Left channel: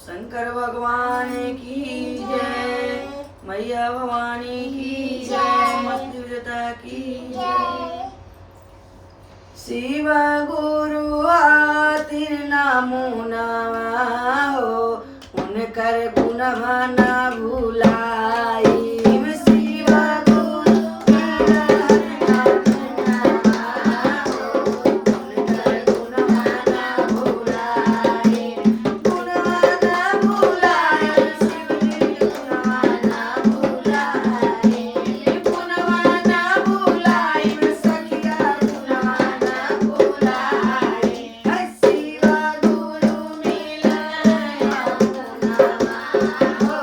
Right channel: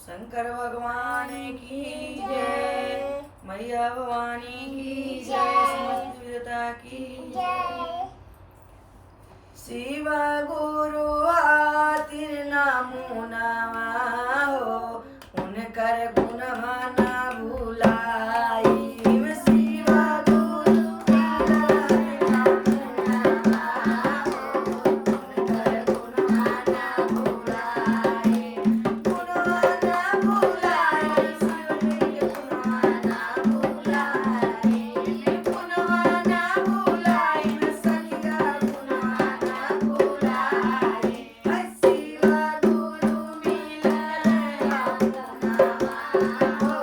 शंकर भगवान की जय, मैया भवानी की जय, समस्त विजेता की जय। शिव गुरु आतिर नामो नवा हो, उनकर गुणवा ना भुलाई। शिव गुरु आतिर नामो नवा हो, उनकर गुणवा ना भुलाई। गुणवा ना भुलाई, शिव जी के गुणवा ना भुलाई। गुणवा ना भुलाई, सखिया गुणवा ना भुलाई। शिव गुरु मिलन गुणवा हो,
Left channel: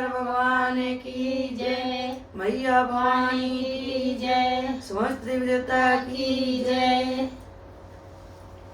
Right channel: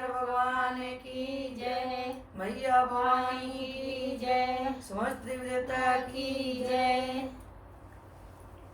शंकर भगवान की जय, मैया भवानी की जय, समस्त देवी देवता की जय।